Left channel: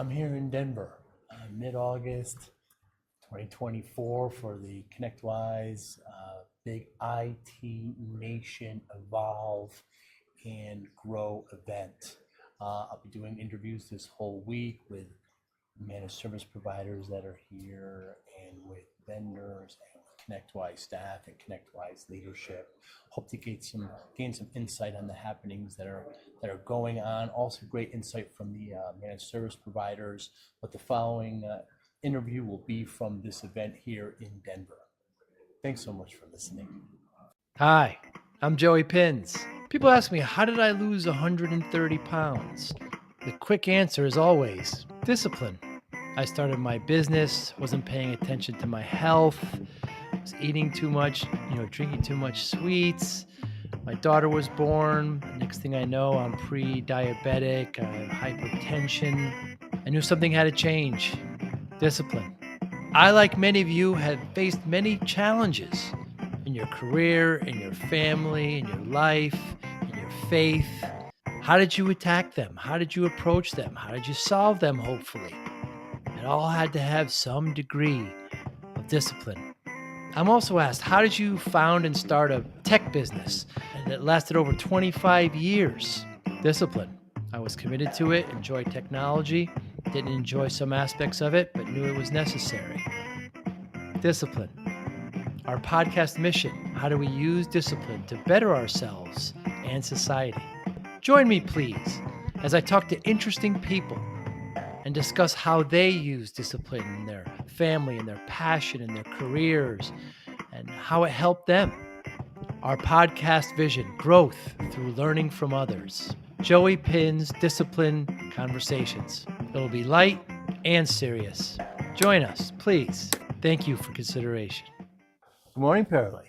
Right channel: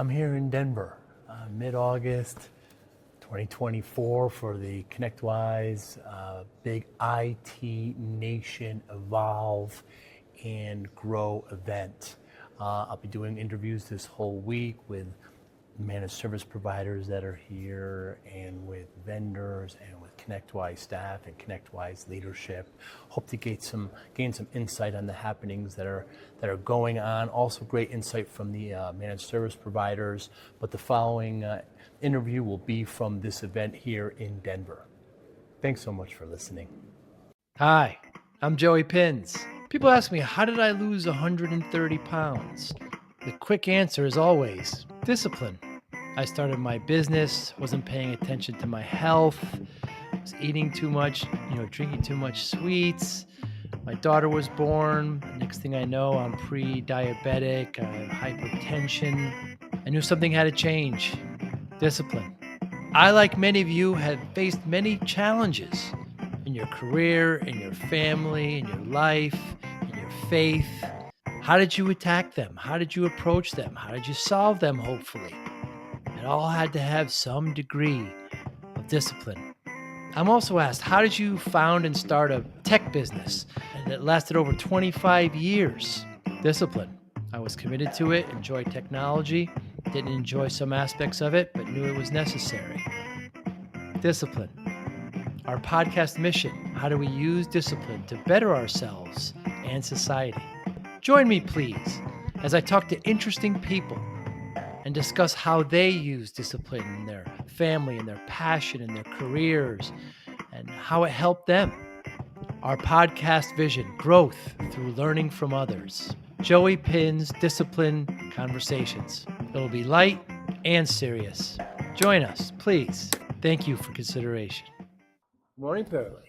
I'm here in Denver, mid-August 2024 for the ConnectWise Big IT Nation Evolve and Grow event. I'll be doing interviews this whole week with managed service providers that are here and with vendors and with ConnectWise staff and ConnectWise leadership. Hope to gain some insight on the happenings that are going on. Also great insight from the managed service providers, but the following interview will be from this event here in Denver. Thanks so much for listening. Hi, I'm Joey Pinz. People ask me, how did I lose 130 pounds? The quick answer is always discipline. I started my business, wasn't paying attention to my health, was eating too much, drinking too much sweets. My daughter was born. Next thing I know, I'm pre-diabetic, I have hypertension. I knew something had to change. Discipline. I, like many of you, have faced many challenges in your career, in your family, in your life, in your faith. How did you attack them? How did you approach them? How did you solve them, hopefully? It all had to have some degree of discipline. I'm also asked, how did you found and start a tech business that lasted over 25 years? Discipline. I was committed to it, enjoyed technology, didn't enjoy some aspects of it, but knew it was necessary. Discipline. Our podcast mission, how do we use discipline to better ourselves and society? Join me, please, as I talk to interesting people and discuss how they use discipline in their family and their passion and their careers and how it helped them. Our podcast vision, growth through learning from others. Joey Pinz Discipline Conversations. It'll be light and serious. Join us, please. Thank you for consideration. Good morning, Paralee.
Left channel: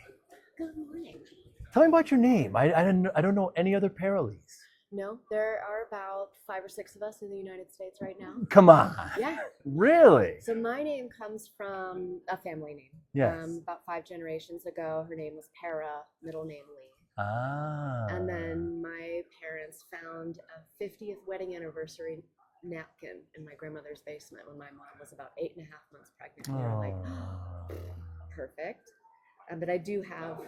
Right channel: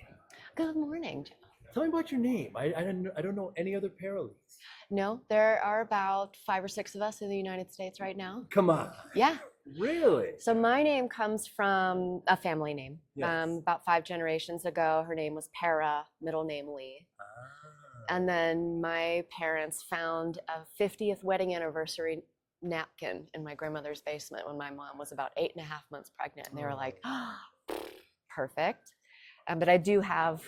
Good morning. Tell me about your name. I don't know any other Paralees. No, there are about 5 or 6 of us in the United States right now. Come on. Yeah. Really? So my name comes from a family name. Yes. About 5 generations ago, her name was Para, middle name Lee. Ah. And then my parents found a 50th wedding anniversary napkin in my grandmother's basement when my mom was about 8.5 months pregnant. And they were like, oh, perfect. But I do have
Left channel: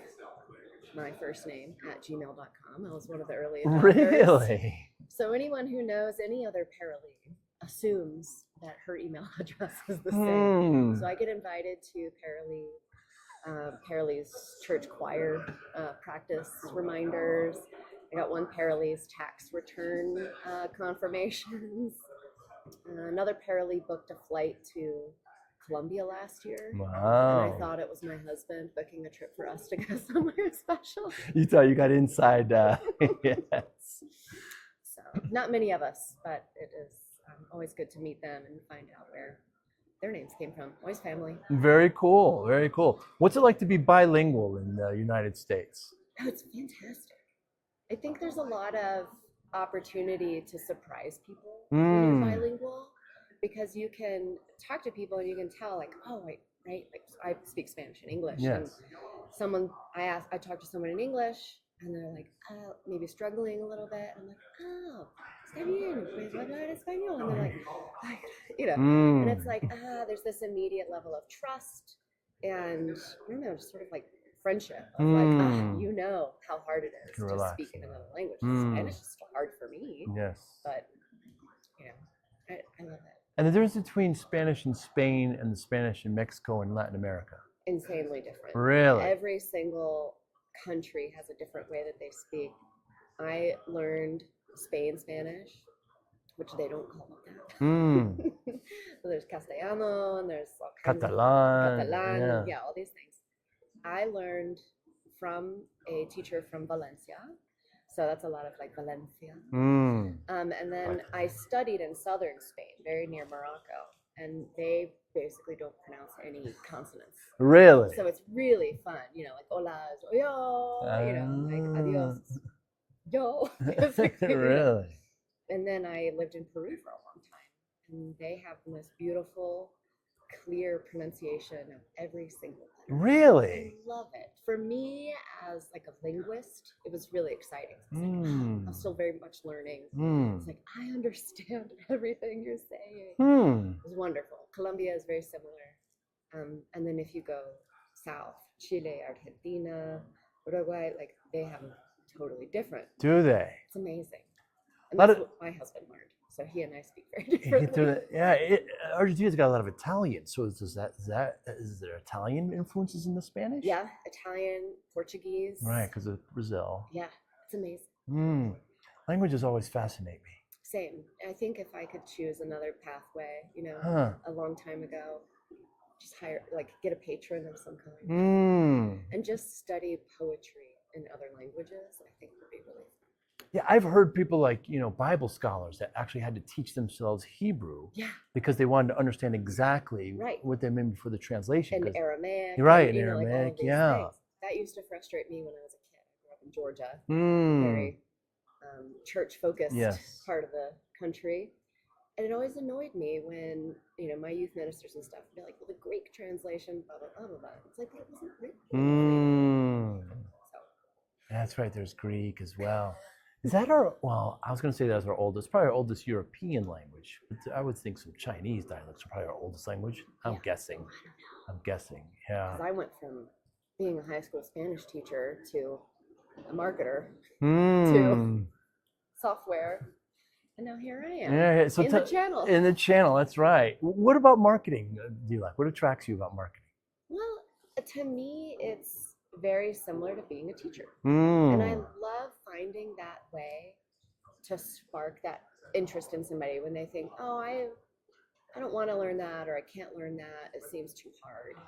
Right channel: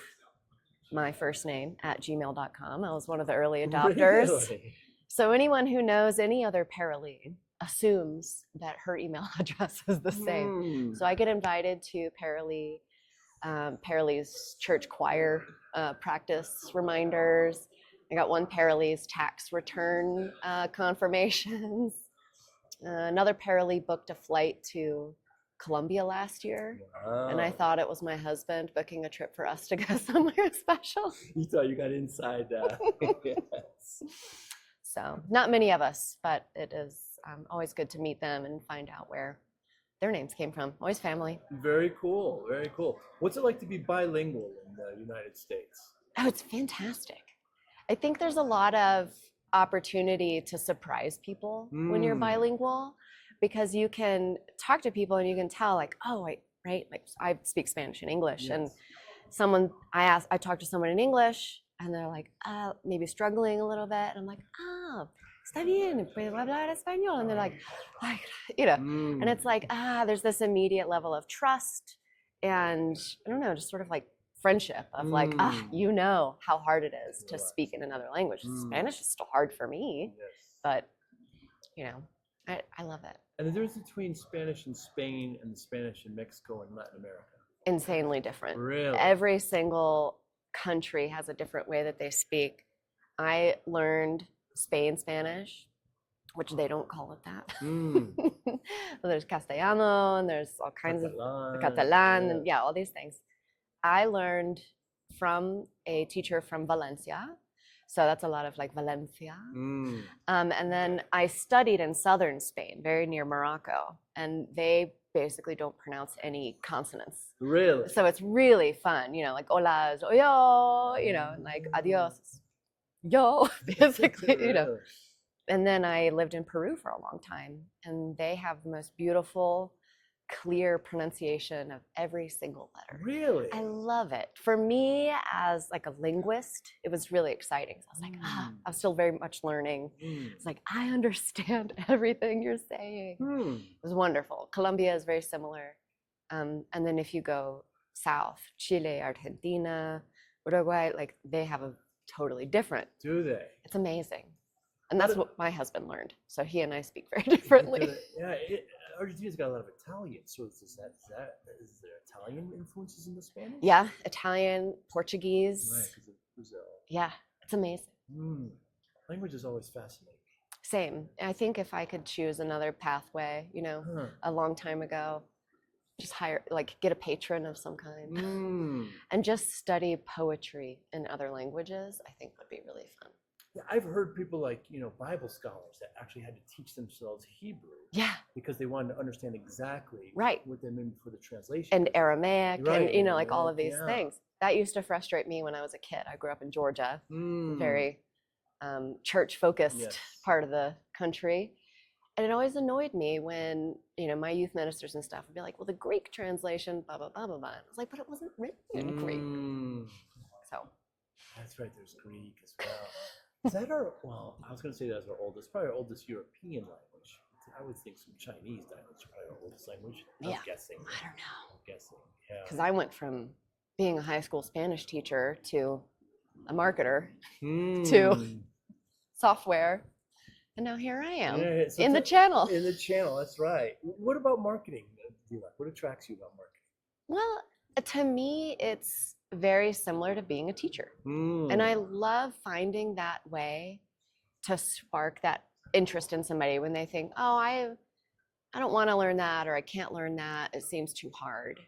my first name at gmail.com. I was one of the early adopters. Really? So anyone who knows any other Paralee assumes that her email address is the same. So I get invited to Paralee's church choir practice reminders. I got one Paralee's tax return confirmations. Another Paralee booked a flight to Colombia last year. Wow. And I thought it was my husband booking a trip for us to go somewhere special. You thought you got inside. Yes. So not many of us, but it is always good to meet them and find out where their names came from. Always family. Very cool. Very cool. What's it like to be bilingual in the United States? Oh, it's fantastic. I think there's a lot of opportunity to surprise people when you're bilingual, because you can talk to people and you can tell, like, oh, wait, right? Like, I speak Spanish and English. Yes. And I talked to someone in English and they're like, maybe struggling a little bit. And I'm like, está bien, puedes hablar español. And they're like, and it's like, there's this immediate level of trust and, I don't know, just sort of like friendship of like, how hard it is to speak in another language. Spanish is still hard for me. Yes. But, I love it. And the difference between Spanish in Spain and the Spanish in Mexico and Latin America? Insanely different. Really? Every single country has a different way that they speak. I learned Spain Spanish, which they don't call it that. So there's Castellano and there's all kinds Catalan, all these things. I learned from a teacher from Valencia. So that's a lot of like Valencia. And then I studied in southern Spain, very near Morocco, and they basically don't pronounce any consonants. Really? So it's really fun, like hola is yo, like adios is yo, basically, Really? And then I lived in Peru for a long time, and they have the most beautiful clear pronunciation of every single letter. Really? I love it. For me, as like a linguist, it was really exciting. I was like, I was still very much learning. It's like, I understand everything you're saying. It was wonderful. Colombia is very similar. And then if you go south, Chile, Argentina, Uruguay, like they have a totally different. Do they? It's amazing. And that's what my husband learned. So he and I speak very differently. Yeah, Argentina's got a lot of Italian. So is there Italian influences in the Spanish? Yeah, Italian, Portuguese. Right, because of Brazil. Yeah, it's amazing. Languages always fascinate me. Same. I think if I could choose another pathway, a long time ago, just get a patron of some kind and just study poetry in other languages, I think would be really fun. Yeah, I've heard people like, Bible scholars that actually had to teach themselves Hebrew. Yeah. Because they wanted to understand exactly Right. what they meant for the translation. And Aramaic, right, and, Aramaic, like all of these things. That used to frustrate me when I was a kid. I grew up in Georgia, very church-focused part of the country. And it always annoyed me when, my youth ministers and stuff would be like, well, the Greek translation, blah, blah, blah, blah, blah. It's like, but it wasn't written in Greek. So. That's right, there's Greek as well. Is that I was going to say that's probably our oldest European language. But I would think some Chinese dialects are probably our oldest language. I'm guessing. I don't know. I'm guessing, yeah. Because I went from being a high school Spanish teacher to a marketer to software. And now here I am so in the channel. In the channel, that's right. What about marketing do you like? What attracts you about marketing? Well, to me, it's very similar to being a teacher. And I love finding that way to spark that interest in somebody when they think, oh, I don't want to learn that, or I can't learn that. It seems too hard.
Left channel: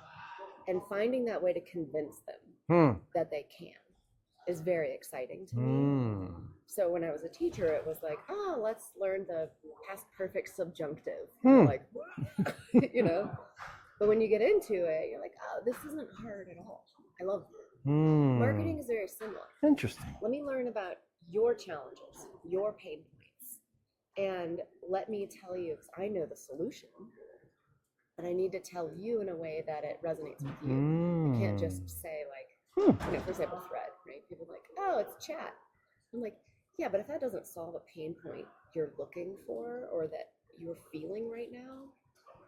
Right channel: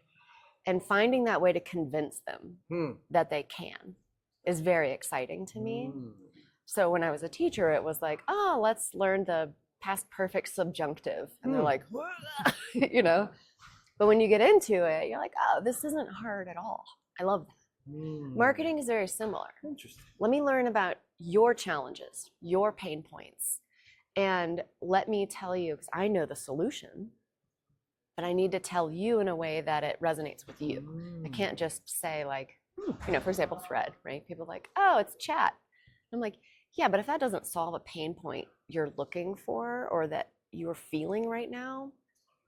And finding that way to convince them that they can is very exciting to me. So when I was a teacher, it was like, oh, let's learn the past perfect subjunctive. And they're like, But when you get into it, you're like, oh, this isn't hard at all. I love that. Marketing is very similar. Interesting. Let me learn about your challenges, your pain points, and let me tell you, because I know the solution, but I need to tell you in a way that it resonates with you. I can't just say like, for example, Thread, right? People are like, oh, it's chat. I'm like, yeah, but if that doesn't solve a pain point you're looking for or that you're feeling right now,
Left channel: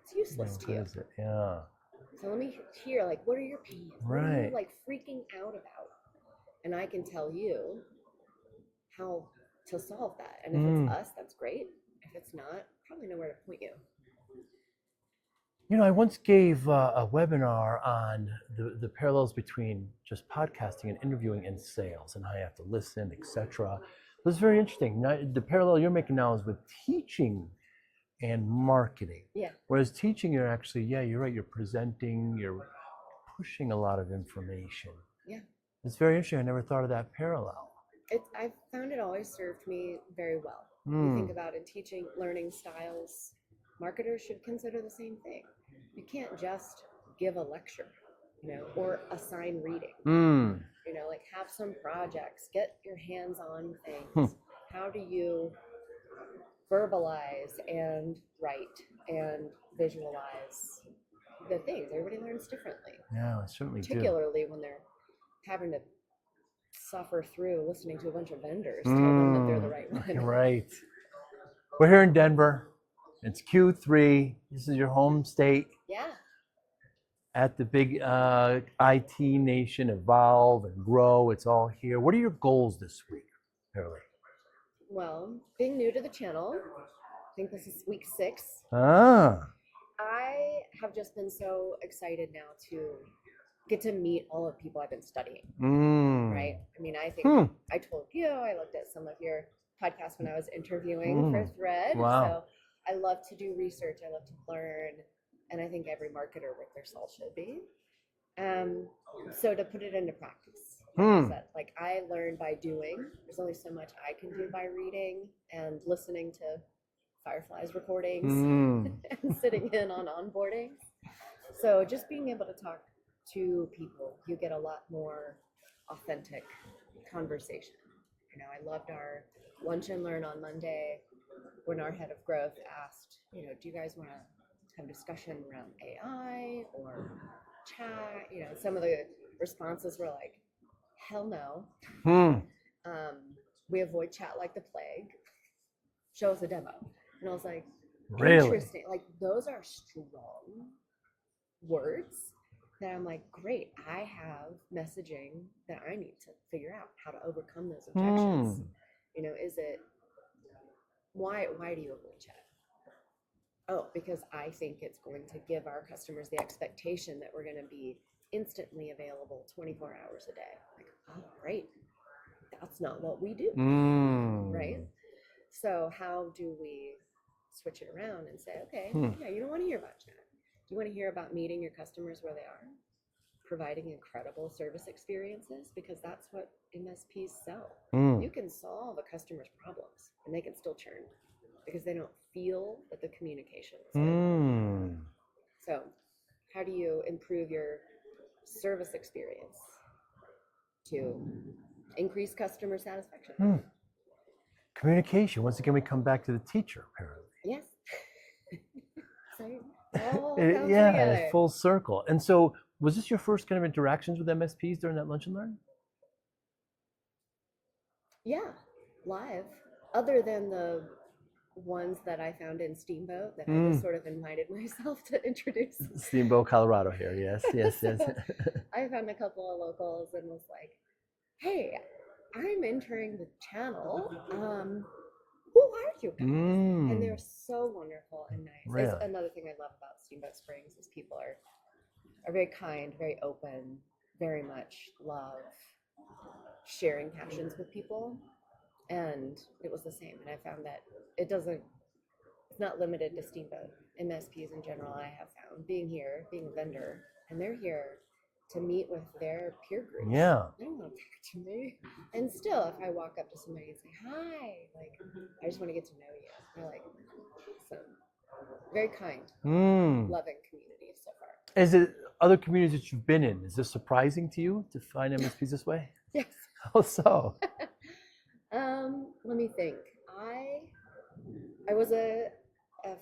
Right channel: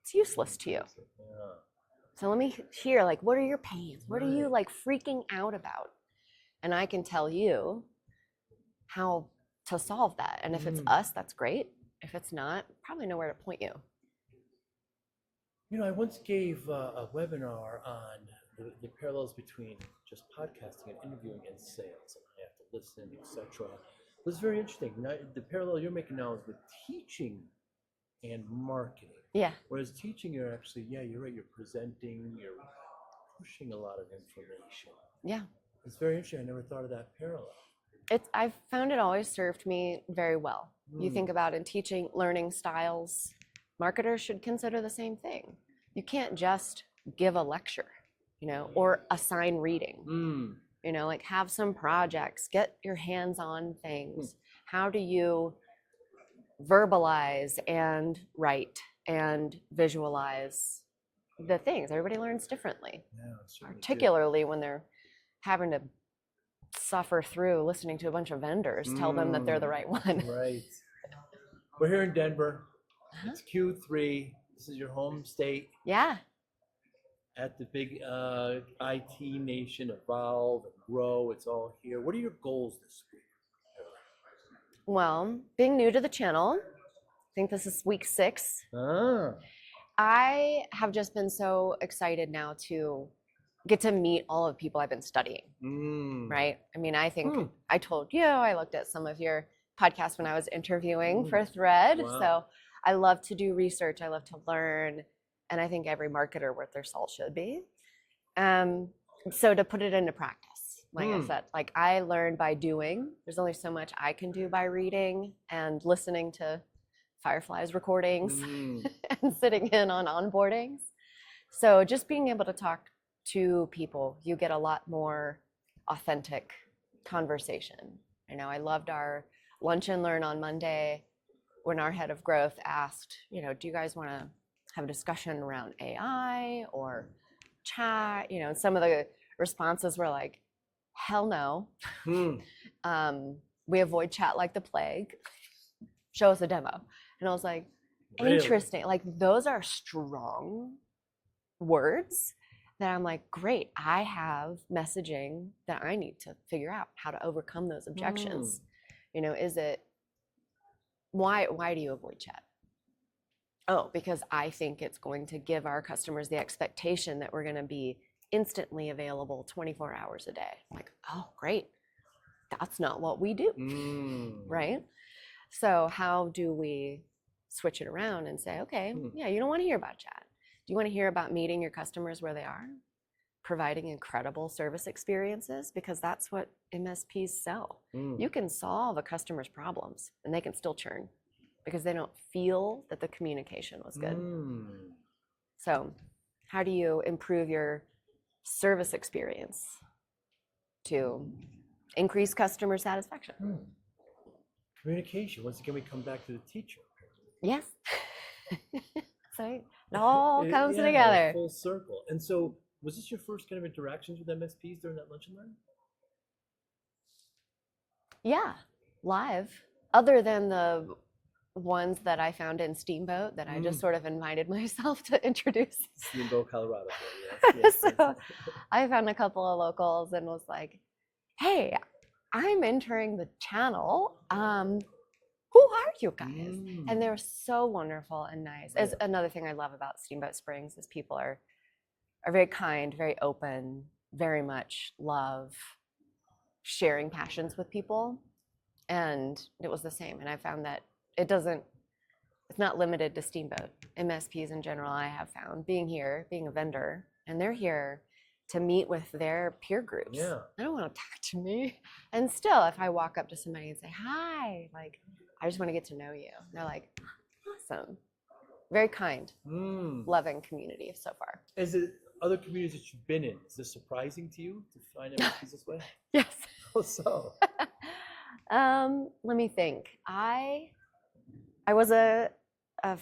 it's useless to you. Yeah. So let me hear, like, what are your pains? What are you like freaking out about? And I can tell you how to solve that. And if it's us, that's great. If it's not, probably know where to point you. I once gave a webinar on the parallels between just podcasting and interviewing in sales and how you have to listen, etc. It was very interesting. Now, the parallel you're making now is with teaching and marketing. Yeah. Whereas teaching, you're actually, you're right, you're presenting, you're pushing a lot of information. Yeah. It's very interesting. I never thought of that parallel. I've found it always served me very well. You think about in teaching, learning styles, marketers should consider the same thing. You can't just give a lecture, or assign reading. Like have some projects, get your hands on things. How do you verbalize and write and visualize the things? Everybody learns differently. Yeah, I certainly particularly when they're having to suffer through listening to a bunch of vendors tell them that they're the right one. Right. We're here in Denver. It's Q3. This is your home state. Yeah. At the big IT nation, evolve and grow. It's all here. What are your goals this week, Paralee? Well, being new to the channel, I think this is week 6. I have just been so excited now to get to meet all of the people I've been studying, right? I mean, I think I told you, I looked at some of your podcasts when I was interviewing for Thread. Wow. So I love to do research. I love to learn. And I think every marketer worth their salt should be. So to put it into practice, like I said, like I learn by doing. There's only so much I can do by reading and listening to Firefly's recordings and sitting in on onboardings. So just being able to talk to people, you get a lot more authentic conversation. I loved our lunch and learn on Monday when our head of growth asked, do you guys want to have a discussion around AI or chat. You know, some of the responses were like, hell no. We avoid chat like the plague. Show us a demo. And I was like, Really? interesting. Like, those are strong words that I'm like, great, I have messaging that I need to figure out how to overcome those objections. You know, is it, why do you avoid chat? Oh, because I think it's going to give our customers the expectation that we're going to be instantly available 24 hours a day. I'm like, oh, great. That's not what we do, right? So how do we switch it around and say, okay, yeah, you don't want to hear about chat. Do you want to hear about meeting your customers where they are? Providing incredible service experiences, because that's what MSPs sell. You can solve a customer's problems and they can still churn because they don't feel that the communication was good. So how do you improve your service experience to increase customer satisfaction? Communication. Once again, we come back to the teacher, apparently. Yes. So it all comes together. Full circle. And so, was this your first kind of interactions with MSPs during that Lunch and Learn? Yeah, live. Other than the ones that I found in Steamboat that I just sort of invited myself to introduce. Steamboat, Colorado here, yes. So I found a couple of locals and was like, hey, I'm entering the channel. Who are you guys? And they're so wonderful and nice. Really? It's another thing I love about Steamboat Springs is people are very kind, very open, very much love sharing passions with people. And it was the same. And I found that it's not limited to Steamboat. MSPs in general, I have found, being a vendor, and they're here to meet with their peer groups. Yeah. They don't want to talk to me. And still, if I walk up to somebody and say, hi, like, I just want to get to know you. They're like, awesome. Very kind, loving community so far. Is it other communities that you've been in? Is this surprising to you to find MSPs this way? Yes. How so? Let me think. I was a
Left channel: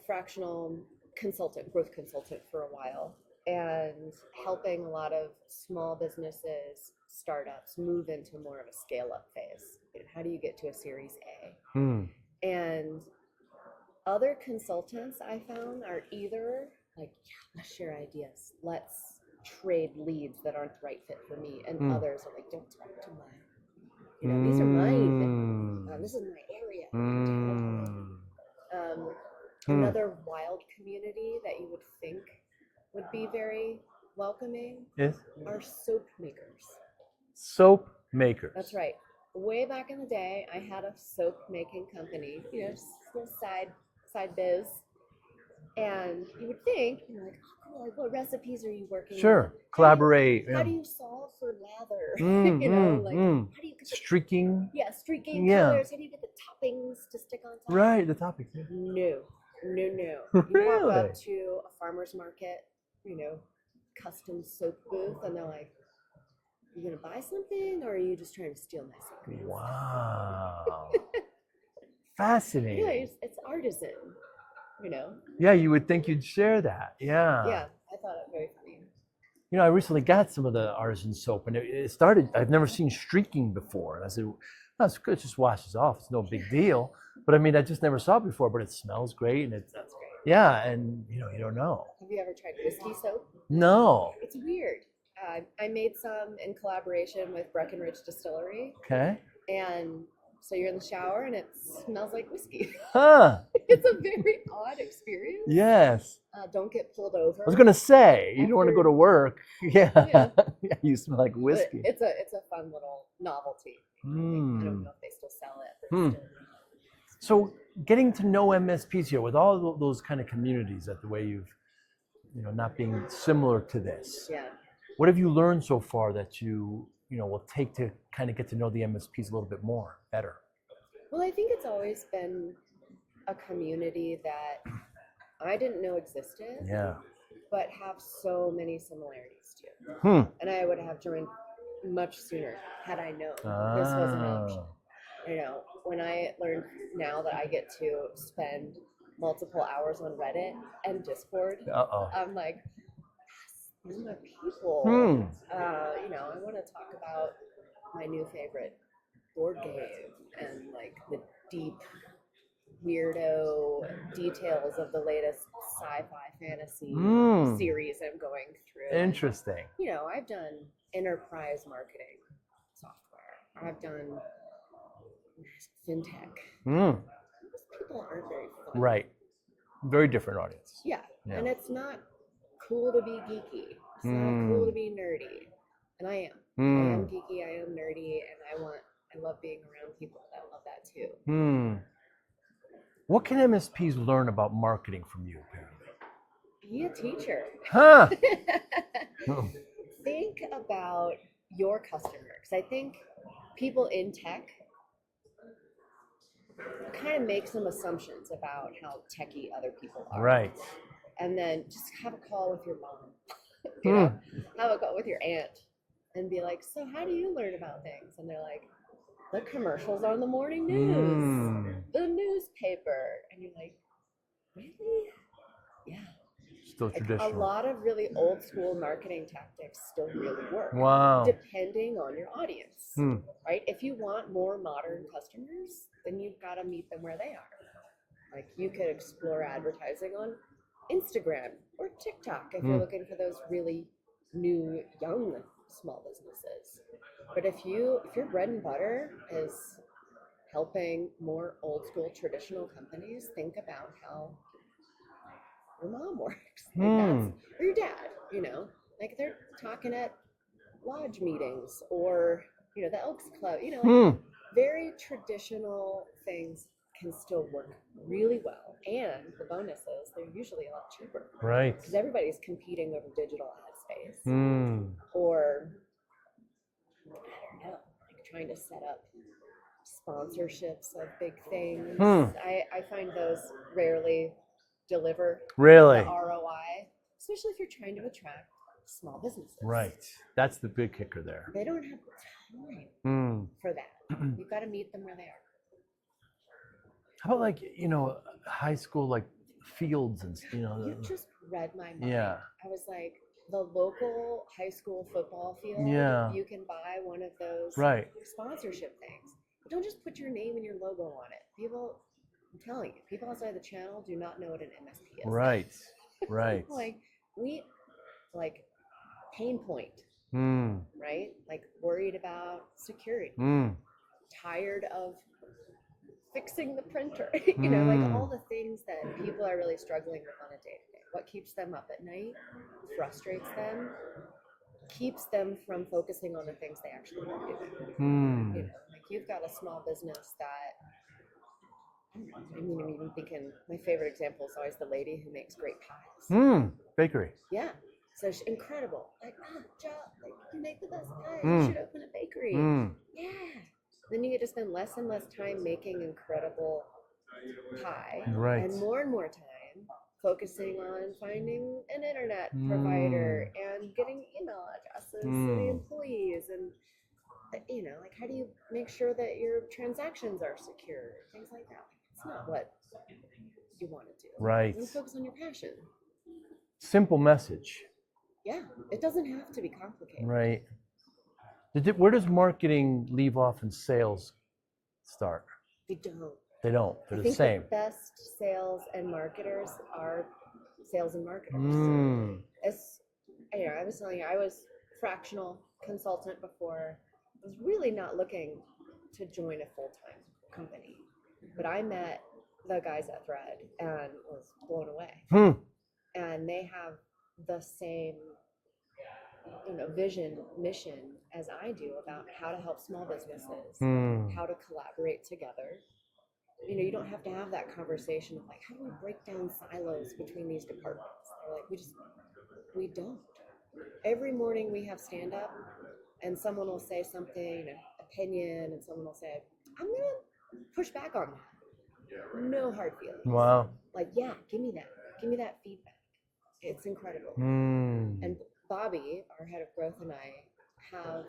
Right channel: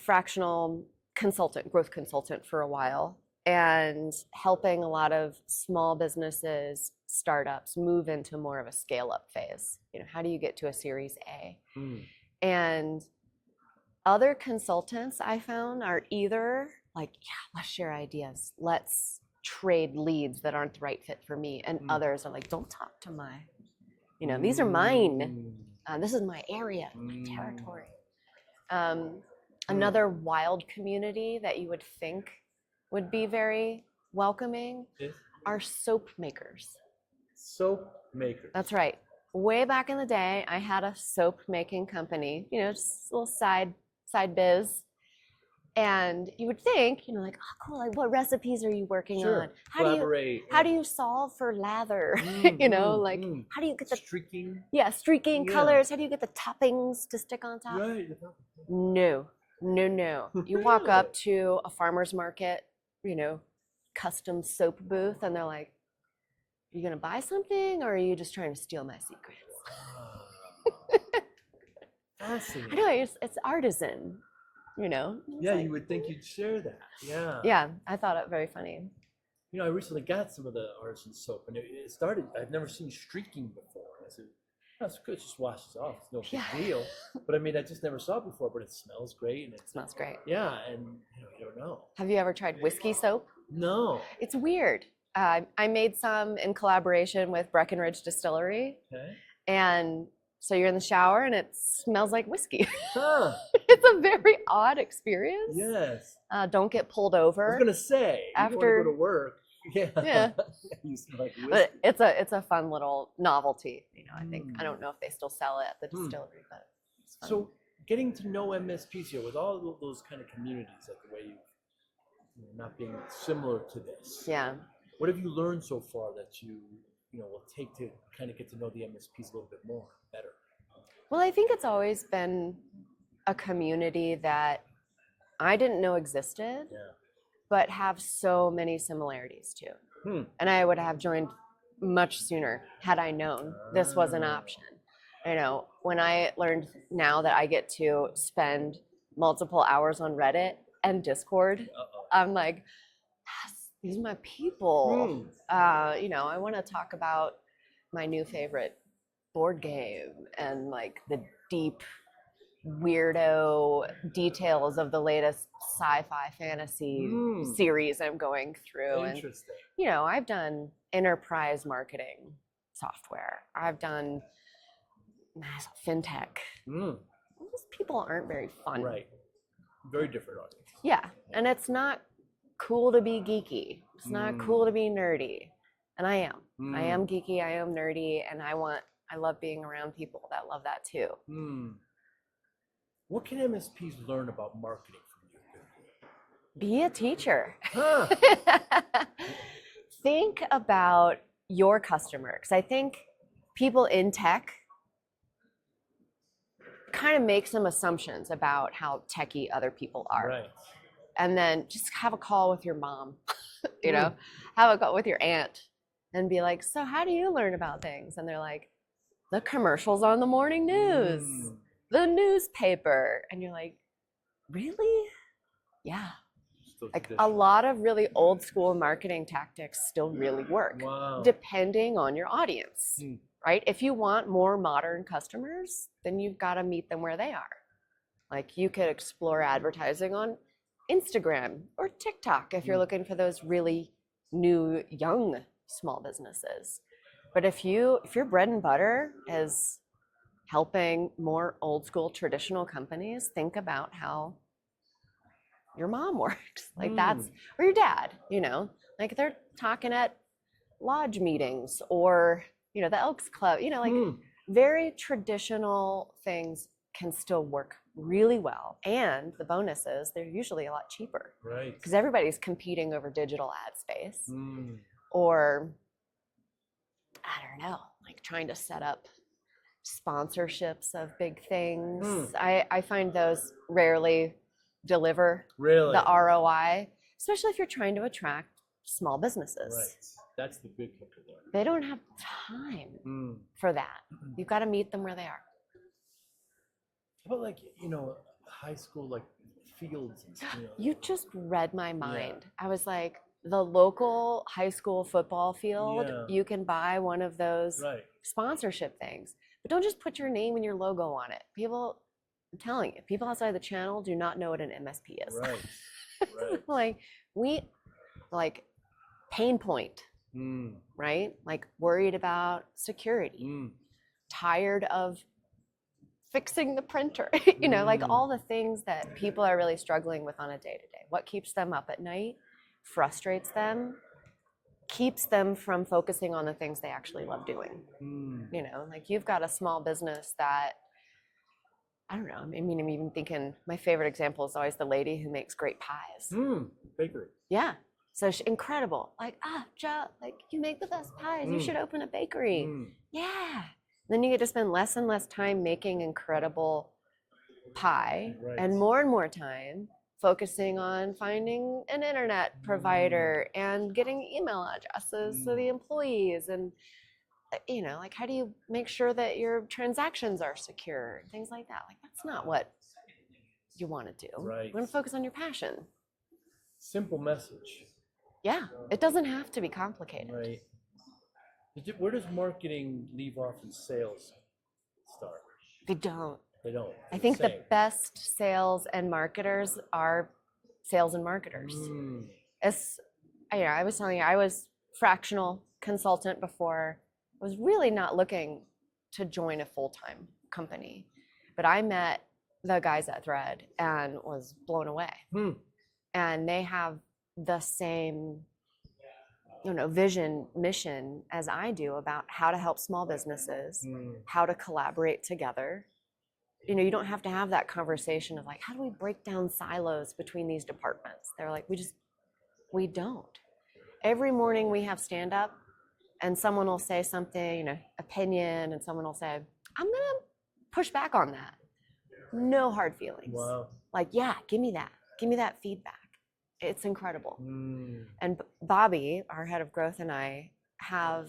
fractional consultant, growth consultant for a while, and helping a lot of small businesses, startups move into more of a scale-up phase. You know, how do you get to a Series A? And other consultants I found are either like, yeah, let's share ideas, let's trade leads that aren't the right fit for me, and others are like, don't talk to my, you know, these are mine. This is my area, my territory. Another wild community that you would think would be very welcoming are soap makers. Soap makers. That's right. Way back in the day, I had a soap making company, you know, just a little side biz. And you would think, you know, like, oh, cool, like, what recipes are you working on? Collaborate. How do you solve for lather? You know, like, how do you get the streaking? Yeah, streaking colors. How do you get the toppings to stick on top? Right, the topics. Yeah. No. You walk up to a farmer's market, you know, custom soap booth, and they're like, are you going to buy something, or are you just trying to steal my secrets? Wow. Fascinating. Anyway, it's artisan, you know? Yeah, you would think you'd share that. Yeah. Yeah, I thought it very funny. You know, I recently got some of the artisan soap, and it started, I've never seen streaking before. And I said, that's good, it just washes off. It's no big deal. But I mean, I just never saw it before, but it smells great. And it smells great. Yeah, and you know, you don't know. Have you ever tried whiskey soap? No. It's weird. I made some in collaboration with Breckenridge Distillery. Okay. And so you're in the shower and it smells like whiskey. Huh. It's a very odd experience. Yes. Don't get pulled over. I was gonna say, you don't want to go to work. Yeah. You smell like whiskey. But it's a fun little novelty. You know, I think, I don't know if they still sell it at the distillery. But so getting to know MSPs here with all those kind of communities, that the way you've, you know, not being similar to this. Yeah. What have you learned so far that you know, will take to kind of get to know the MSPs a little bit more, better? Well, I think it's always been a community that I didn't know existed, but have so many similarities to. And I would have joined much sooner had I known this was an option. You know, when I learned now that I get to spend multiple hours on Reddit and Discord. Uh-oh. I'm like, yes, these are my people. You know, I want to talk about my new favorite board game and like the deep weirdo details of the latest sci-fi fantasy series I'm going through. Interesting. And, you know, I've done enterprise marketing software. I've done fintech. Those people aren't very fun. Right. Very different audience. Yeah. And it's not cool to be geeky. It's not cool to be nerdy. And I am. I am geeky, I am nerdy, and I love being around people that love that too. What can MSPs learn about marketing from you, Paralee? Be a teacher. Huh. Think about your customer, because I think people in tech kind of make some assumptions about how techie other people are. Right. And then just have a call with your mom, you know, have a call with your aunt and be like, so how do you learn about things? And they're like, the commercials on the morning news, the newspaper. And you're like, really? Yeah. Still Like traditional. a lot of really old school marketing tactics still really work. Wow. Depending on your audience, right? If you want more modern customers, then you've got to meet them where they are. Like you could explore advertising on Instagram or TikTok if you're looking for those really new, young small businesses. But if your bread and butter is helping more old school traditional companies think about how your mom works, like that's, or your dad, you know, like they're talking at lodge meetings or, you know, the Elks Club, you know, like very traditional things can still work really well. And the bonus is they're usually a lot cheaper. Right. Because everybody's competing over digital ad space or, I don't know, like trying to set up sponsorships of big things. I find those rarely deliver Really? the ROI, especially if you're trying to attract small businesses. Right. That's the big kicker there. They don't have time for that. You've got to meet them where they are. How about like, you know, high school, like fields and, you know. You just read my mind. Yeah. I was like, the local high school football field, you can buy one of those sponsorship things. But don't just put your name and your logo on it. People, I'm telling you, people outside the channel do not know what an MSP is. Right, right. like pain point, right? Like worried about security, tired of fixing the printer, you know, like all the things that people are really struggling with on a day-to-day. What keeps them up at night, frustrates them, keeps them from focusing on the things they actually love doing. You know, like you've got a small business that, I don't know, I mean, I'm even thinking, my favorite example is always the lady who makes great pies. Bakery. Yeah. So she's incredible. Like, Joe, like you make the best pies. You should open a bakery. Yeah. Then you get to spend less and less time making incredible pie and more time focusing on finding an internet provider and getting email addresses for the employees and, you know, like how do you make sure that your transactions are secure, things like that. Like that's not what you want to do. Right. You want to focus on your passion. Simple message. Yeah, it doesn't have to be complicated. Right. Where does marketing leave off and sales start? They don't. They don't. They're I think the same. the best sales and marketers are sales and marketers. As you know, I was telling you, I was fractional consultant before. I was really not looking to join a full-time company, but I met the guys at Thread and was blown away. And they have the same, you know, vision, mission as I do about how to help small businesses, how to collaborate together. You know, you don't have to have that conversation of like, how do we break down silos between these departments? They're like, we don't. Every morning we have stand up and someone will say something, you know, opinion, and someone will say, I'm gonna push back on that. No hard feelings. Wow. Like, yeah, give me that feedback. It's incredible. And Bobby, our head of growth, and I have,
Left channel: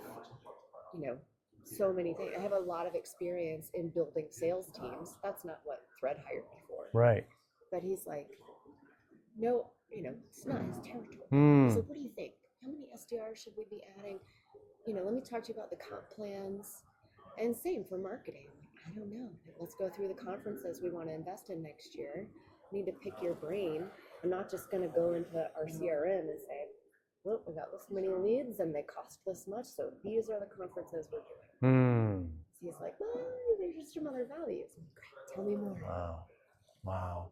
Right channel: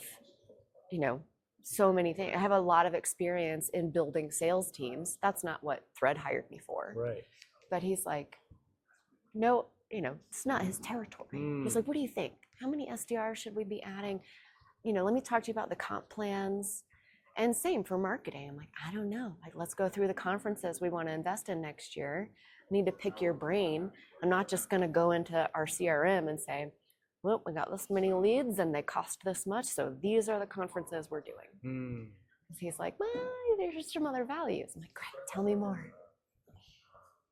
you know, so many things. I have a lot of experience in building sales teams. That's not what Thread hired me for. Right. but he's like, no, it's not his territory. He's like, what do you think? How many SDRs should we be adding? Let me talk to you about the comp plans. And same for marketing. I'm like, I don't know. Like, let's go through the conferences we want to invest in next year. I need to pick your brain. I'm not just going to go into our CRM and say, well, we got this many leads and they cost this much, so these are the conferences we're doing. He's like, well, there's just some other values. I'm like, great, tell me more. Wow.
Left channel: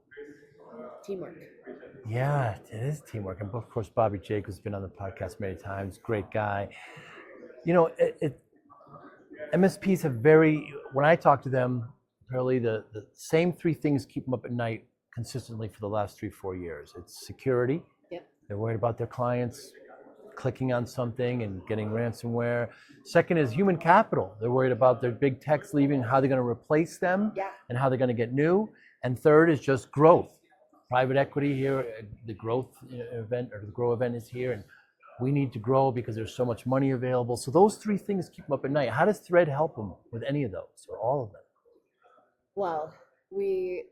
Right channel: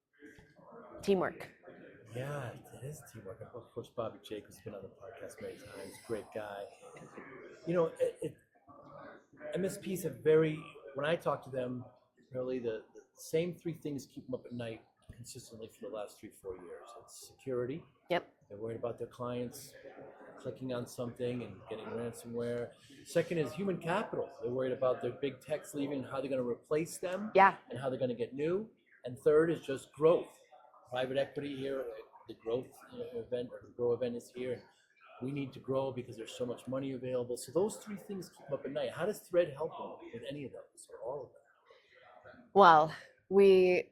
Teamwork. Yeah, it is teamwork. And of course, Bobby Jacobs has been on the podcast many times. Great guy. MSPs have when I talk to them, apparently the same three things keep them up at night consistently for the last 3-4 years. It's security. Yep. They're worried about their clients clicking on something and getting ransomware. Second is human capital. They're worried about their big techs leaving, how they're going to replace them, and how they're going to get new. And third is just growth. Private equity here, the growth event or the grow event is here, and we need to grow because there's so much money available. So those three things keep them up at night. How does Thread help them with any of those or all of them? Well, we're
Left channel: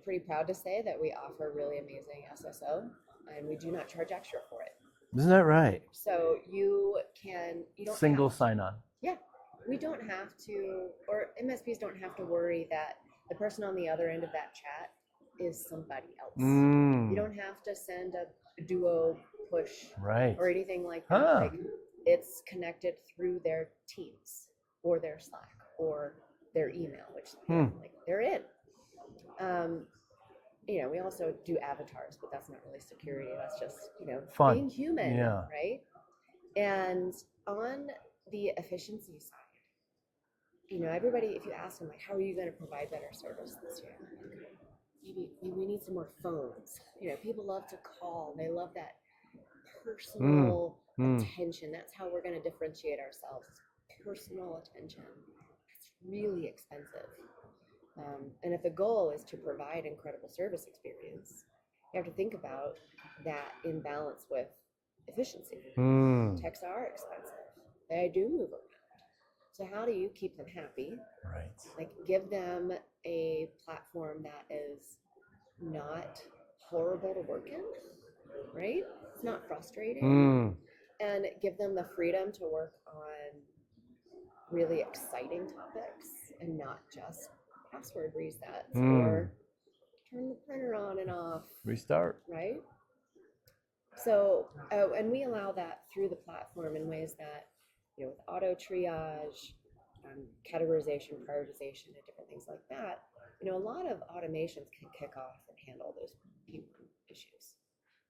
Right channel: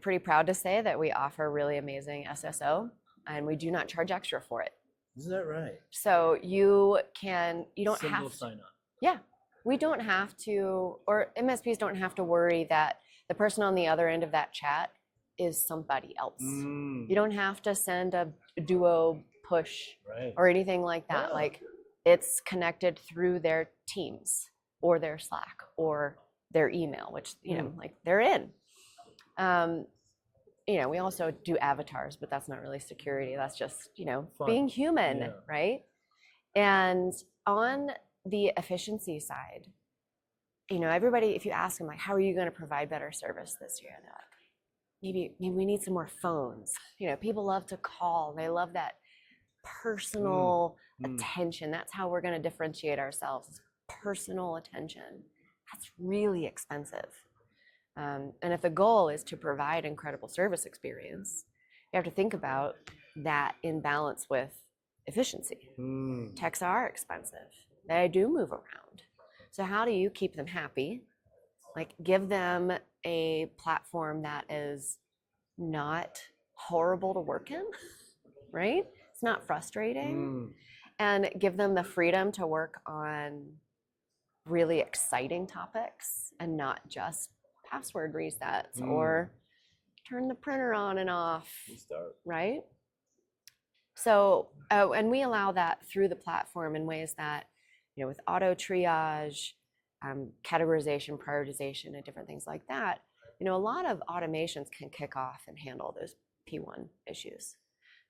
pretty proud to say that we offer really amazing SSO, and we do not charge extra for it. Isn't that right? So you don't Single have sign-on. Yeah, we don't have to, or MSPs don't have to worry that the person on the other end of that chat is somebody else. You don't have to send a duo push or anything like that. Like, it's connected through their Teams or their Slack or their email, which like they're in. We also do avatars, but that's not really security. That's just Fun. being human, right? And on the efficiency side, everybody, if you ask them like, how are you going to provide better service this year? They're like, maybe we need some more phones. People love to call. They love that personal attention. That's how we're going to differentiate ourselves. Personal attention. That's really expensive. And if the goal is to provide incredible service experience, you have to think about that in balance with efficiency. Techs are expensive. They do move around. So how do you keep them happy? Right. Like, give them a platform that is not horrible to work in, right? It's not frustrating. And give them the freedom to work on really exciting topics and not just password resets or turn the printer on and off. Restart. Right? So, and we allow that through the platform in ways that, with auto triage, categorization, prioritization, and different things like that, a lot of automations can kick off and handle those P1 issues.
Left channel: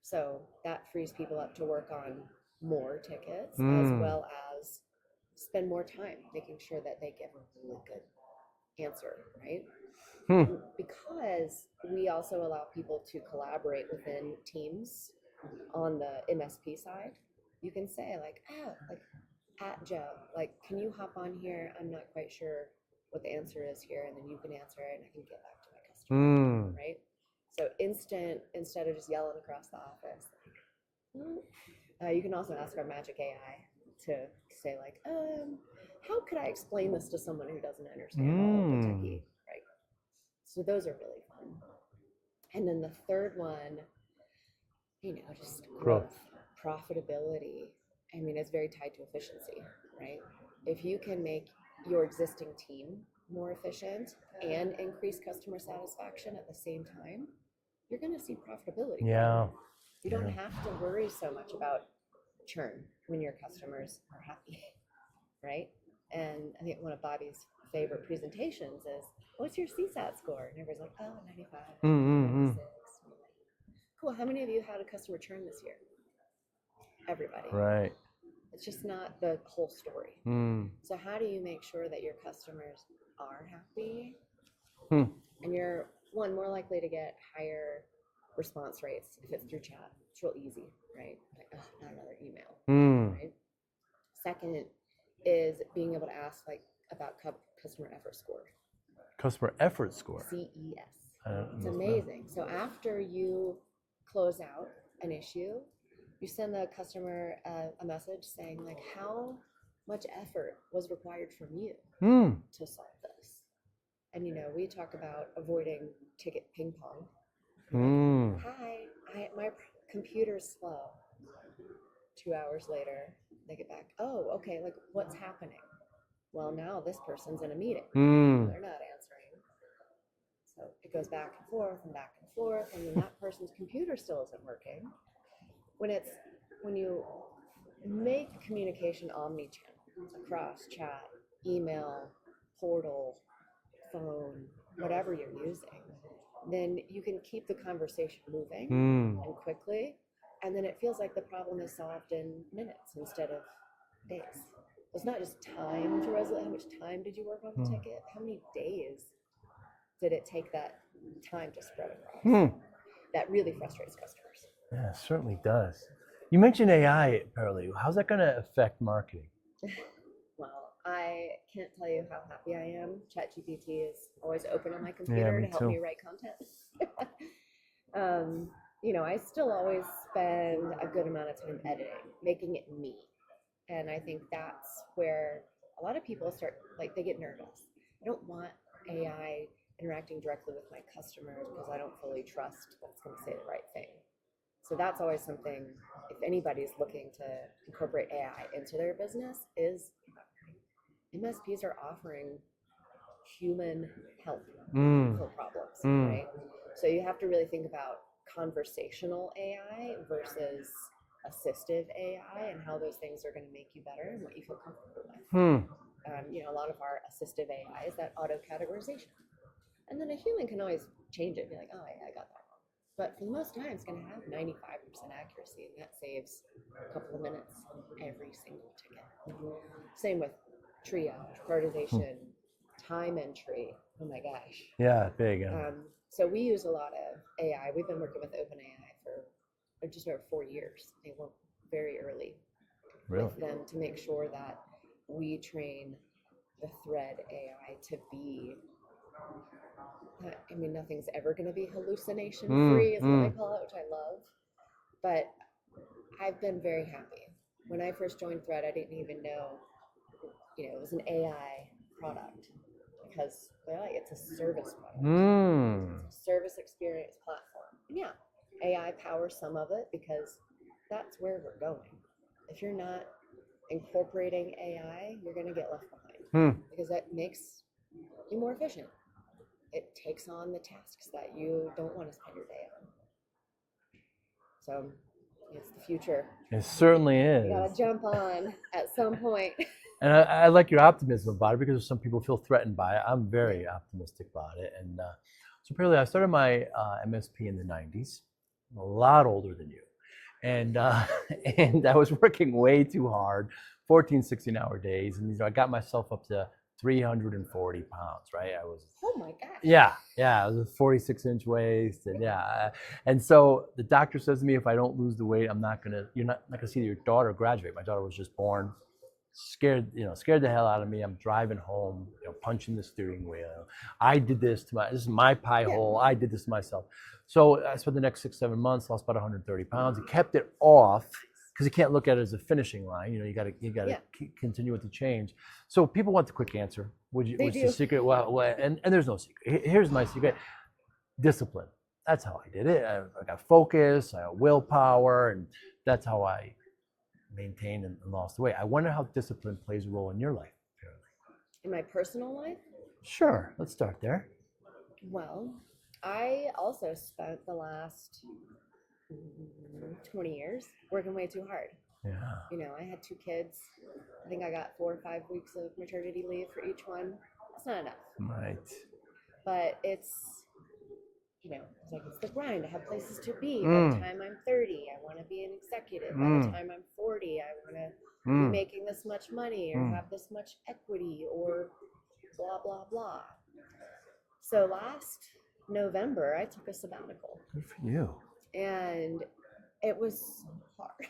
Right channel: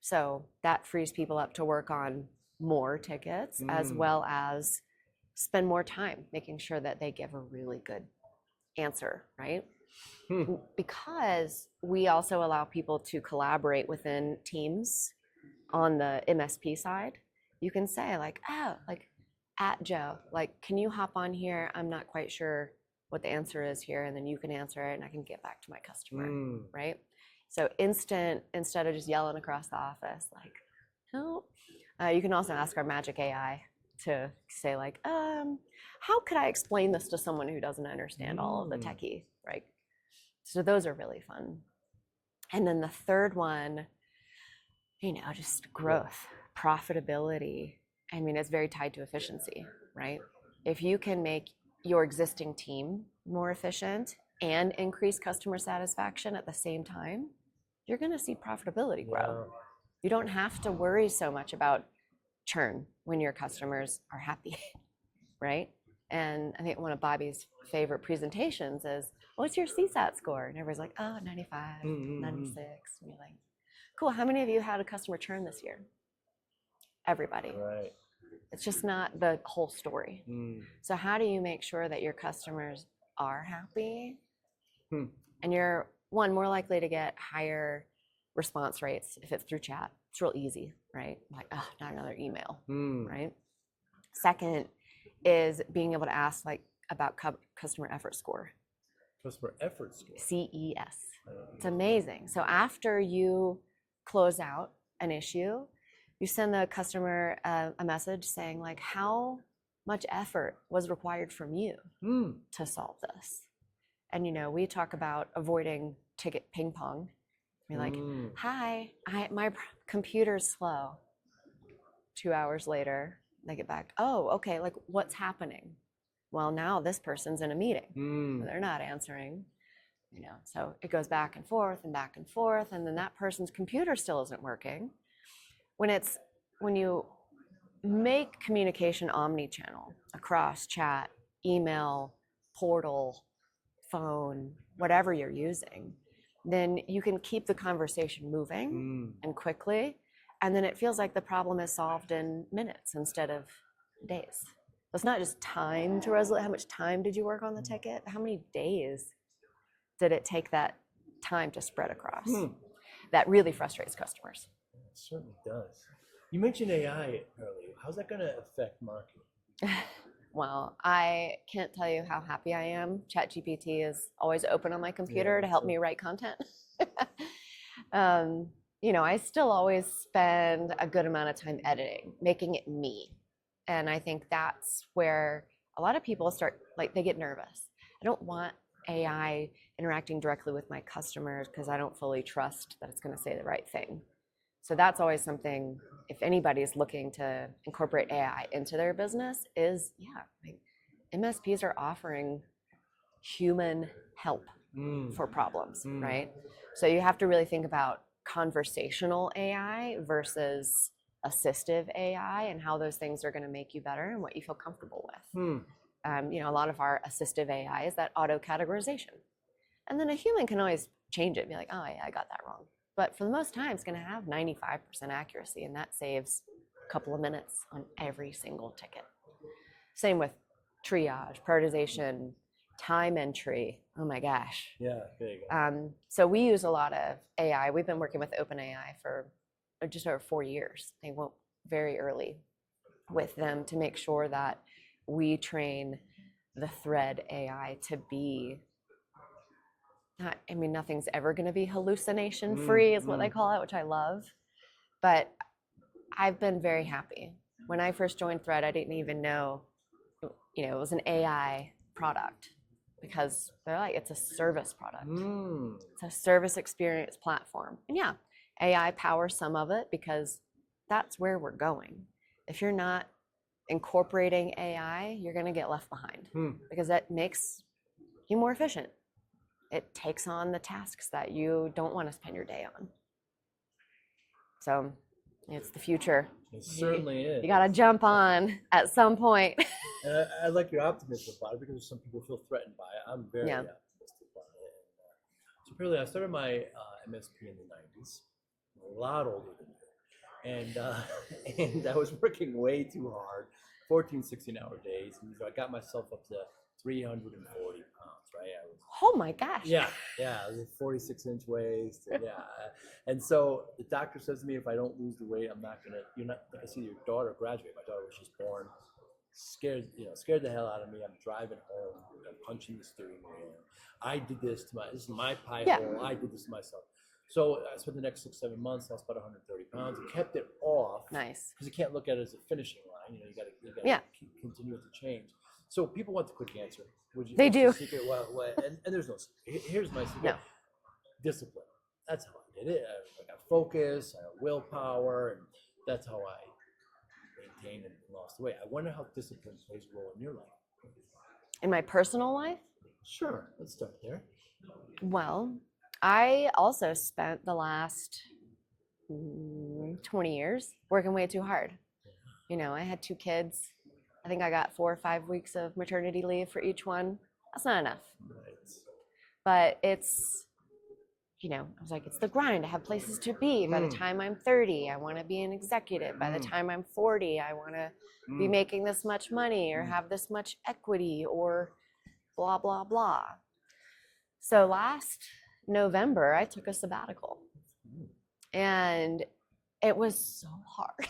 So that frees people up to work on more tickets as well as spend more time making sure that they give a really good answer, right? Because we also allow people to collaborate within teams on the MSP side. You can say like, at Joe, like, can you hop on here? I'm not quite sure what the answer is here, and then you can answer it and I can get back to my customer, right? So instead of just yelling across the office, like, help, you can also ask our magic AI to say like, how could I explain this to someone who doesn't understand all of the techie, right? So those are really fun. And then the third one, just growth, profitability. I mean, it's very tied to efficiency, right? If you can make your existing team more efficient and increase customer satisfaction at the same time, you're going to see profitability grow. You don't have to worry so much about churn when your customers are happy, right? And I think one of Bobby's favorite presentations is, what's your CSAT score? And everybody's like, 95, 96. And you're like, cool, how many of you had a customer churn this year? Everybody. Right. It's just not the whole story. So how do you make sure that your customers are happy? And you're, one, more likely to get higher response rates if it's through chat. It's real easy, right? Like, not another email, right? Second is being able to ask like about customer effort score. Customer effort score. CES. It's amazing. So after you close out an issue, you send the customer a message saying like, how much effort was required from you to solve this? And we talk about avoiding ticket ping pong. You're like, hi, my computer's slow. 2 hours later, they get back. Oh, okay. Like, what's happening? Well, now this person's in a meeting. They're not answering. So it goes back and forth, and then that person's computer still isn't working. When you make communication omni-channel across chat, email, portal, phone, whatever you're using, then you can keep the conversation moving and quickly, and then it feels like the problem is solved in minutes instead of days. It's not just time to resolve. How much time did you work on the ticket? How many days did it take that time to spread across? That really frustrates customers. Yeah, it certainly does. You mentioned AI, Paralee. How's that going to affect marketing? Well, I can't tell you how happy I am. ChatGPT is always open on my computer to help me write content. I still always spend a good amount of time editing, making it me. And I think that's where a lot of people start, they get nervous. I don't want AI interacting directly with my customers because I don't fully trust that it's going to say the right thing. So that's always something, if anybody is looking to incorporate AI into their business, MSPs are offering human help for problems, right? So you have to really think about conversational AI versus assistive AI and how those things are going to make you better and what you feel comfortable with. A lot of our assistive AI is that auto categorization. And then a human can always change it and be like, oh, I got that wrong. But for the most time, it's going to have 95% accuracy, and that saves a couple of minutes on every single ticket. Same with triage, prioritization, time entry. Oh my gosh. Yeah, big. So we use a lot of AI. We've been working with OpenAI for just over 4 years. They went very early with them to make sure that we train the thread AI to be nothing's ever going to be hallucination free is what I call it, which I love. But I've been very happy. When I first joined Thread, I didn't even know, it was an AI product because they're like, it's a service product. It's a service experience platform. And yeah, AI powers some of it because that's where we're going. If you're not incorporating AI, you're going to get left behind because that makes you more efficient. It takes on the tasks that you don't want to spend your day on. So it's the future. It certainly is. You got to jump on at some point. And I like your optimism about it because some people feel threatened by it. I'm very optimistic about it. And so apparently I started my MSP in the 90s, a lot older than you. And I was working way too hard, 14, 16-hour days. And I got myself up to 340 pounds, right? I was. Oh my gosh. Yeah. I was a 46-inch waist, and and so the doctor says to me, if I don't lose the weight, you're not gonna see your daughter graduate. My daughter was just born, scared the hell out of me. I'm driving home, punching the steering wheel. I did this this is my pie hole. I did this to myself. So I spent the next 6-7 months, lost about 130 pounds. I kept it off. Nice. Because you can't look at it as a finishing line. You got to continue with the change. So people want the quick answer. They do. The secret? Well, and there's no secret. Here's my secret. Discipline. That's how I did it. I got focus, I got willpower, and that's how I maintained and lost the weight. I wonder how discipline plays a role in your life, Paralee. In my personal life? Sure. Let's start there. Well, I also spent the last 20 years working way too hard. Yeah. I had 2 kids. I think I got 4 or 5 weeks of maternity leave for each one. That's not enough. Right. But it's, I was like, it's the grind. I have places to be. By the time I'm 30, I want to be an executive. By the time I'm 40, I want to be making this much money or have this much equity or blah, blah, blah. So last November, I took a sabbatical. Good for you. And it was so hard.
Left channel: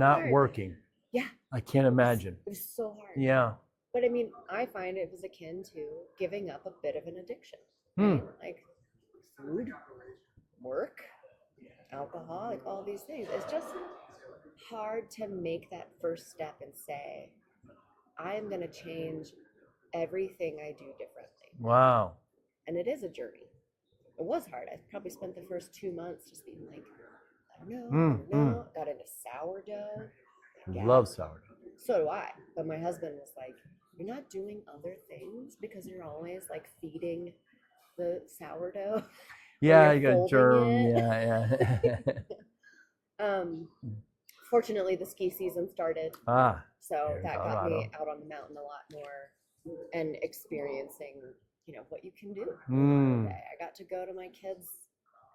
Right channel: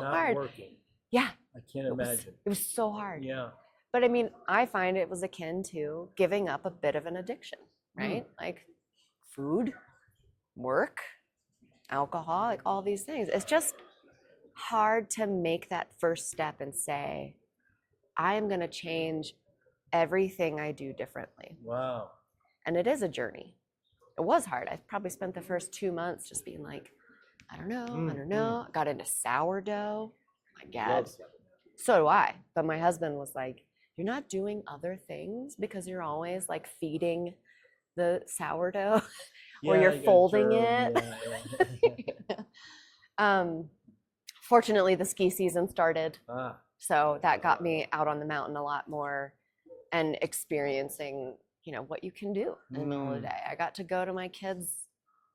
Not working. Yeah. I can't imagine. It was so hard. Yeah. But I find it was akin to giving up a bit of an addiction, right? Like food, work, alcohol, like all these things. It's just hard to make that first step and say, I am going to change everything I do differently. Wow. And it is a journey. It was hard. I probably spent the first 2 months just being like, I don't know. I got into sourdough. My God. Love sourdough. So do I. But my husband was like, you're not doing other things because you're always like feeding the sourdough. Yeah, or you you're got folding germ. it. Yeah. Fortunately, the ski season started. So in that got me Colorado. out on the mountain a lot more and experiencing, what you can do in the holiday. I got to go to my kids'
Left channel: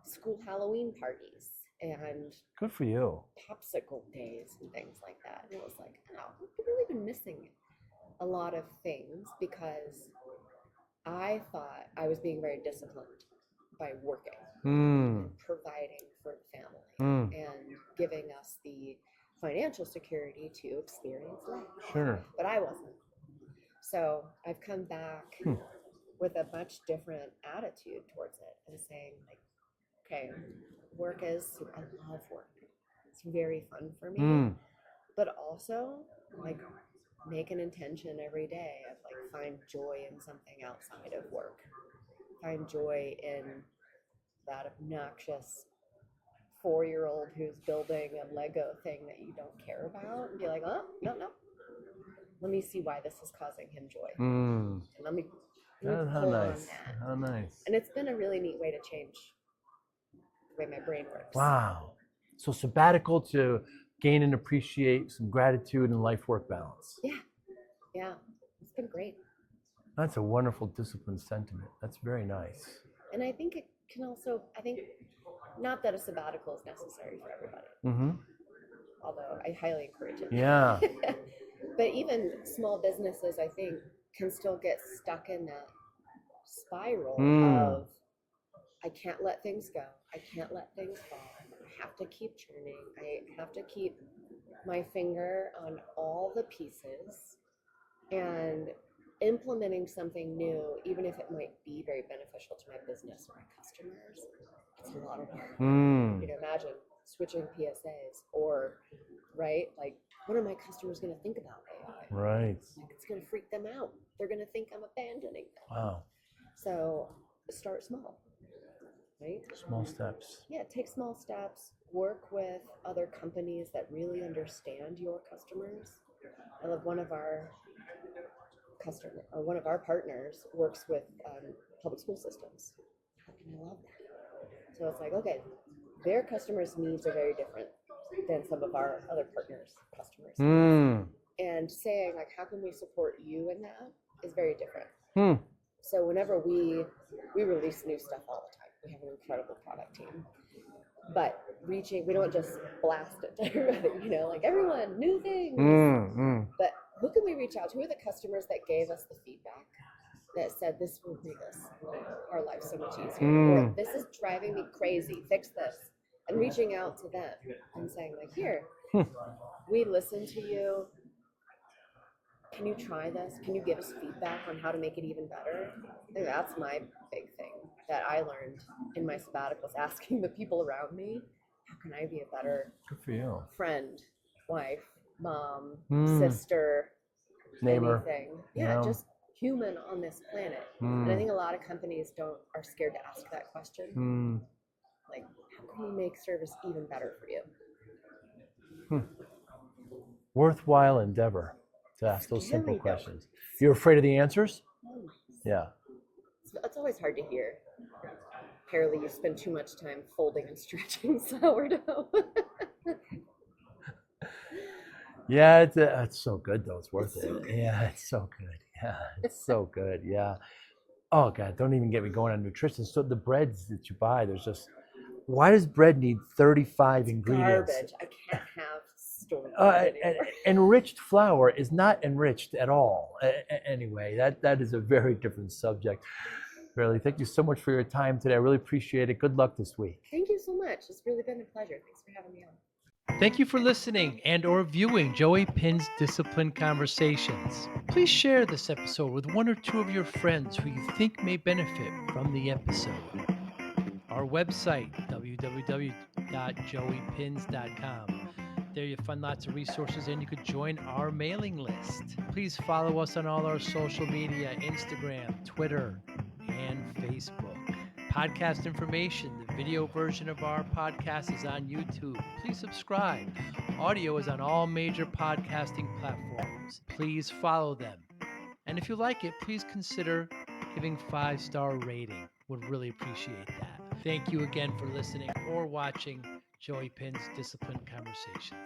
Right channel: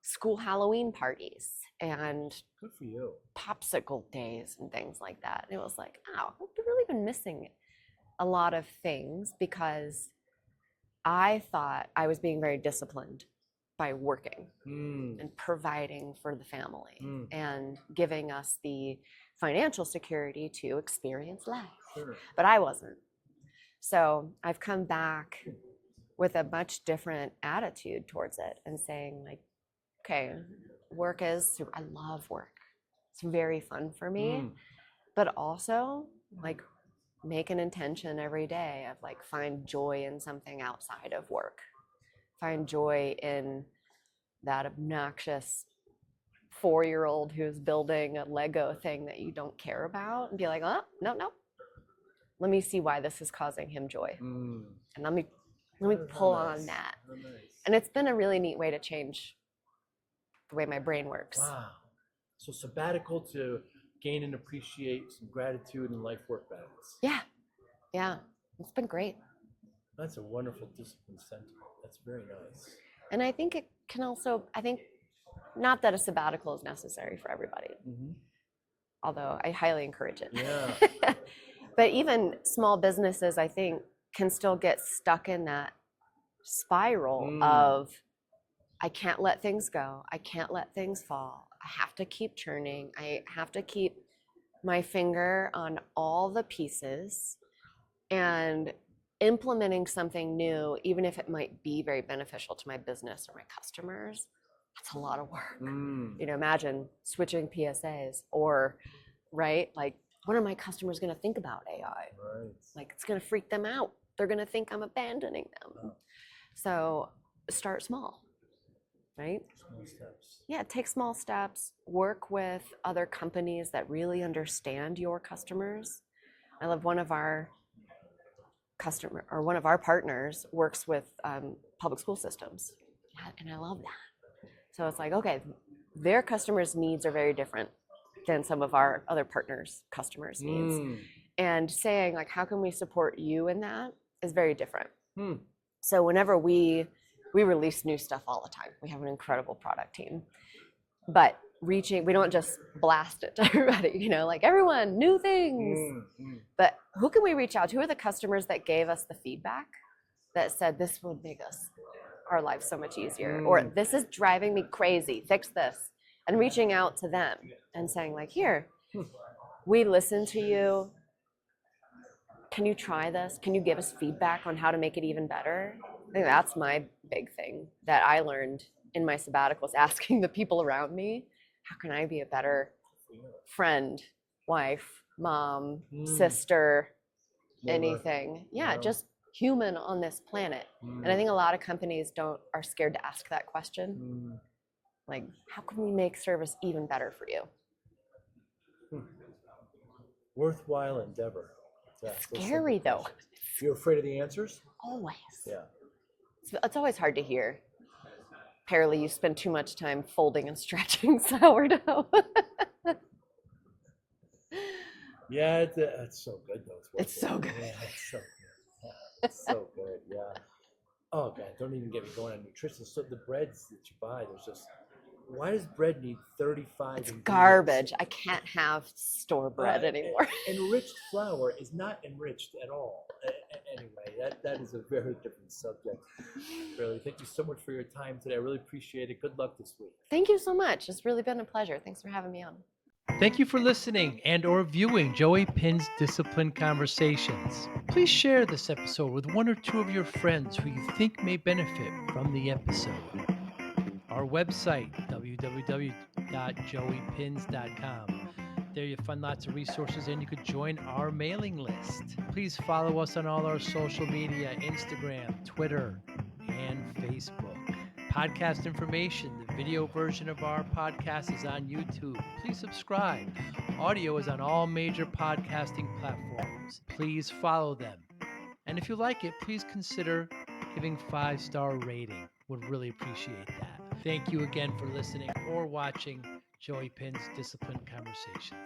school Halloween parties and Good for you. popsicle days and things like that. And it was like, wow, I've really been missing a lot of things because I thought I was being very disciplined by working and providing for the family and giving us the financial security to experience life. Sure. But I wasn't. So I've come back with a much different attitude towards it and saying like, okay, I love work. It's very fun for me, but also like make an intention every day of like find joy in something outside of work. Find joy in that obnoxious 4-year-old who's building a Lego thing that you don't care about and be like, oh, no. Let me see why this is causing him joy. And let me pull on that. How nice. And it's been a really neat way to change the way my brain works. Wow. So sabbatical to gain and appreciate some gratitude and life-work balance. Yeah. It's been great. That's a wonderful disciplined sentiment. That's very nice. And I think it can also, not that a sabbatical is necessary for everybody, although I highly encourage it. Yeah. But even small businesses, I think, can still get stuck in that spiral of, I can't let things go. I can't let things fall. I have to keep churning. I have to keep my finger on all the pieces and implementing something new, even if it might be very beneficial to my business or my customers. It's a lot of work. Imagine switching PSAs or, right? Like, what are my customers going to think about AI? Right. Like, it's going to freak them out. They're going to think I'm abandoning them. Wow. So start small, right? Small steps. Yeah, take small steps. Work with other companies that really understand your customers. I love one of our partners works with public school systems, and I love that. So it's like, okay, their customers' needs are very different than some of our other partners' customers' needs. And saying like, how can we support you in that is very different. So whenever we release new stuff all the time, we have an incredible product team, but we don't just blast it to everybody, like everyone, new things. But who can we reach out to? Who are the customers that gave us the feedback that said this would make our life so much easier, or this is driving me crazy, fix this? And reaching out to them and saying like, here, we listen to you. Can you try this? Can you give us feedback on how to make it even better? I think that's my big thing that I learned in my sabbaticals, asking the people around me, how can I be a better Good for you. friend, wife, mom, sister, Neighbor. anything. Yeah, just human on this planet. And I think a lot of companies are scared to ask that question. Like, how can we make service even better for you? Worthwhile endeavor to ask those simple Scary, though. questions. You're afraid of the answers? Always. Yeah. It's always hard to hear. Paralee, you spend too much time folding and stretching sourdough. Yeah, it's so good though. It's worth it. It's so good. Yeah, it's so good. Yeah, it's so good. Yeah. Oh God, don't even get me going on nutrition. So the breads that you buy, why does bread need 35 ingredients? Garbage. I can't have store-bought anymore. Enriched flour is not enriched at all. Anyway, that is a very different subject. Paralee, thank you so much for your time today. I really appreciate it. Good luck this week. Thank you so much. It's really been a pleasure. Thanks for having me on. Thank you for listening and or viewing Joey Pinz Discipline Conversations. Please share this episode with one or two of your friends who you think may benefit from the episode. Our website, www.joeypins.com, There you find lots of resources and you could join our mailing list. Please follow us on all our social media, Instagram, Twitter, and Facebook. Podcast information, the video version of our podcast is on YouTube. Please subscribe. Audio is on all major podcasting platforms. Please follow them. And if you like it, please consider giving 5-star rating. Would really appreciate that. Thank you again for listening or watching Joey Pinz Discipline Conversations.